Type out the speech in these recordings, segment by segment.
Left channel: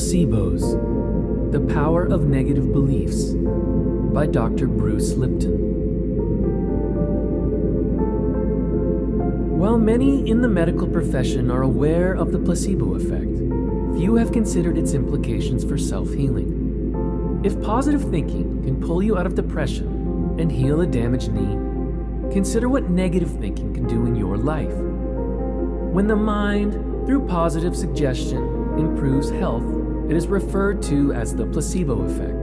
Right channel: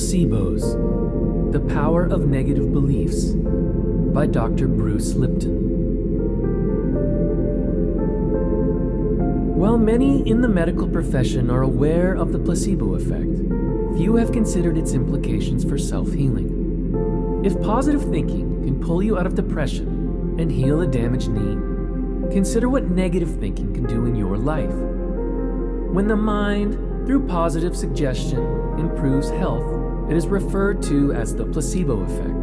Nocebos, The Power of Negative Beliefs by Dr. Bruce Lipton. While many in the medical profession are aware of the placebo effect, few have considered its implications for self-healing. If positive thinking can pull you out of depression and heal a damaged knee, consider what negative thinking can do in your life. When the mind, through positive suggestion, improves health, it is referred to as the placebo effect.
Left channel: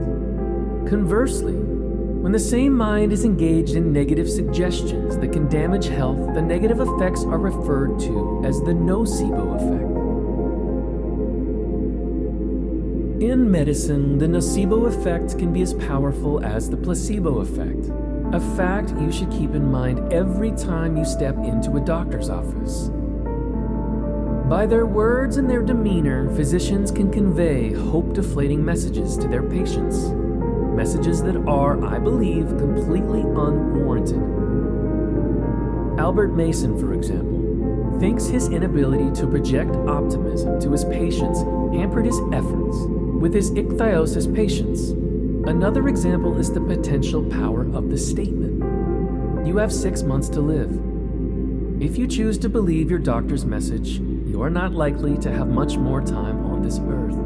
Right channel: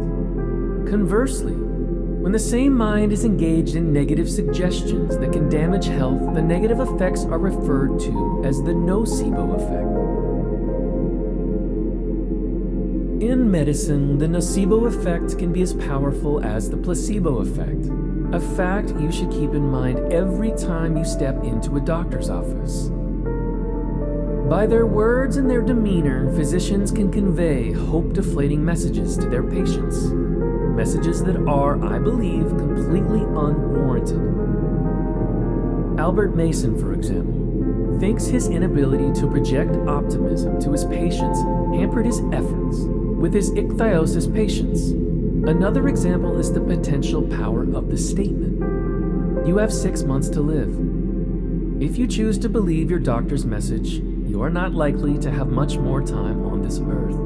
Conversely, when the same mind is engaged in negative suggestions that can damage health, the negative effects are referred to as the nocebo effect. In medicine, the nocebo effect can be as powerful as the placebo effect, a fact you should keep in mind every time you step into a doctor's office. By their words and their demeanor, physicians can convey hope-deflating messages to their patients. Messages that are, I believe, completely unwarranted. Albert Mason, for example, thinks his inability to project optimism to his patients hampered his efforts with his ichthyosis patients. Another example is the potential power of the statement, "You have 6 months to live." If you choose to believe your doctor's message, you are not likely to have much more time on this earth.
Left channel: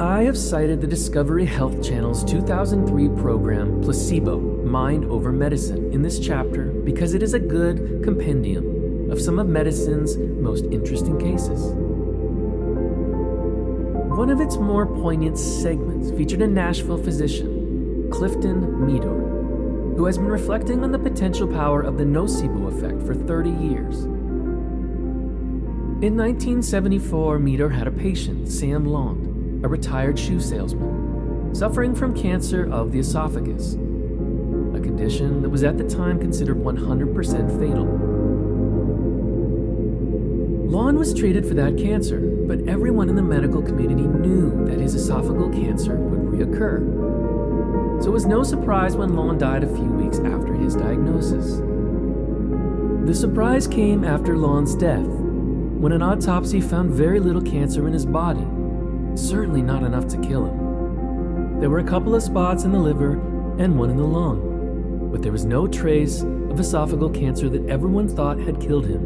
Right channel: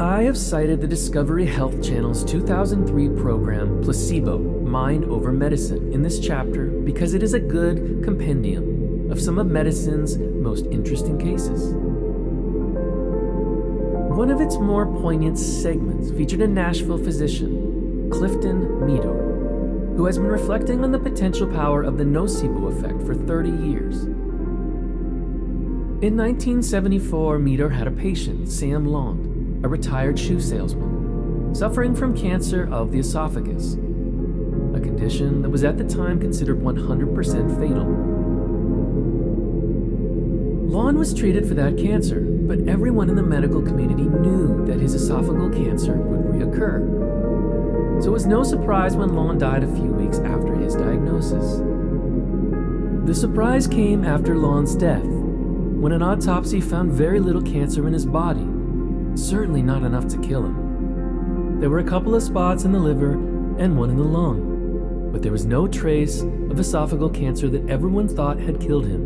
I have cited the Discovery Health Channel's 2003 program, Placebo, Mind Over Medicine, in this chapter because it is a good compendium of some of medicine's most interesting cases. One of its more poignant segments featured a Nashville physician, Clifton Meador, who has been reflecting on the potential power of the nocebo effect for 30 years. In 1974, Meador had a patient, Sam Long, a retired shoe salesman, suffering from cancer of the esophagus, a condition that was at the time considered 100% fatal. Lon was treated for that cancer, but everyone in the medical community knew that his esophageal cancer would reoccur. So it was no surprise when Lon died a few weeks after his diagnosis. The surprise came after Lon's death, when an autopsy found very little cancer in his body, certainly not enough to kill him. There were a couple of spots in the liver and one in the lung, but there was no trace of esophageal cancer that everyone thought had killed him.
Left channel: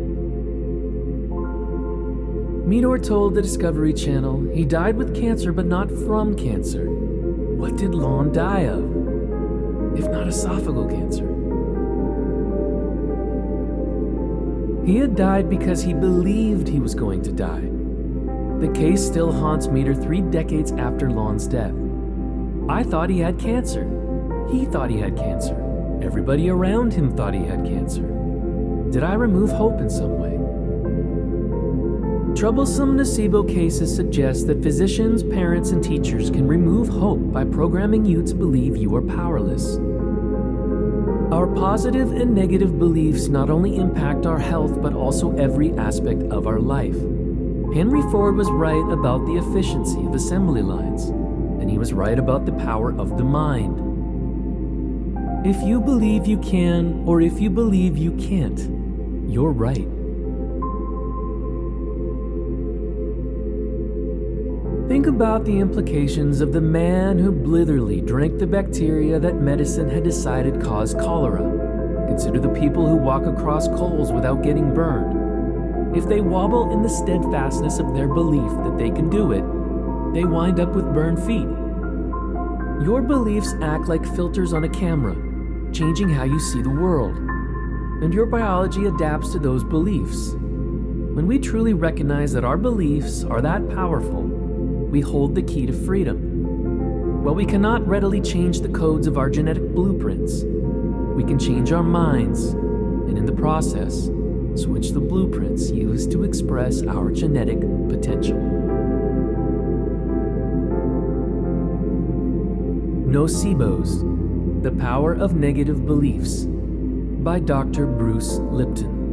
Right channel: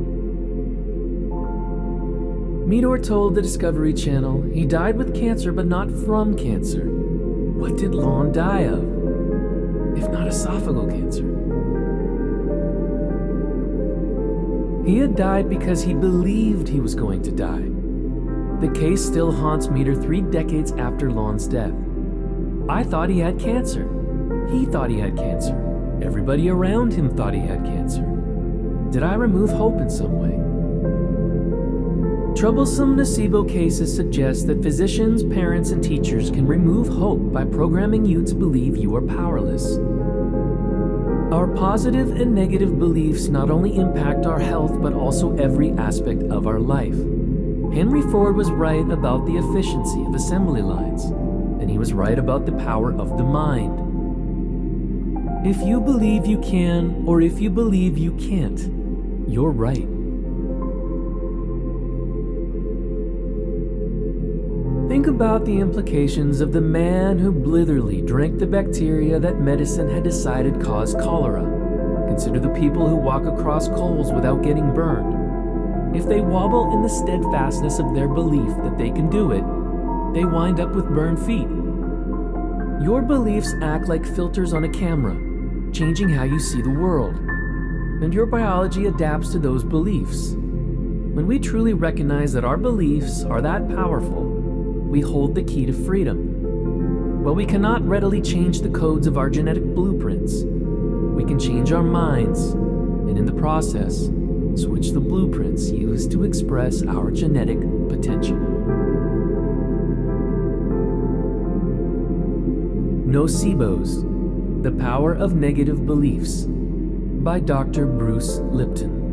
Meador told the Discovery Channel he died with cancer but not from cancer. What did Lon die of, if not esophageal cancer? He had died because he believed he was going to die. The case still haunts Meador 3 decades after Lon's death. I thought he had cancer. He thought he had cancer. Everybody around him thought he had cancer. Did I remove hope in some way? Troublesome nocebo cases suggest that physicians, parents, and teachers can remove hope by programming you to believe you are powerless. Our positive and negative beliefs not only impact our health, but also every aspect of our life. Henry Ford was right about the efficiency of assembly lines, and he was right about the power of the mind. If you believe you can, or if you believe you can't, you're right. Think about the implications of the man who blithely drank the bacteria that medicine had decided caused cholera. Consider the people who walk across coals without getting burned. If they wobble in the steadfastness of their belief that they can do it, they wind up with burned feet. Your beliefs act like filters on a camera, changing how you see the world. And your biology adapts to those beliefs. When we truly recognize that our beliefs are that powerful, we hold the key to freedom. While we cannot readily change the codes of our genetic blueprints, we can change our minds, and in the process, switch the blueprints used to express our genetic potential. Nocebos, The Power of Negative Beliefs by Dr. Bruce Lipton.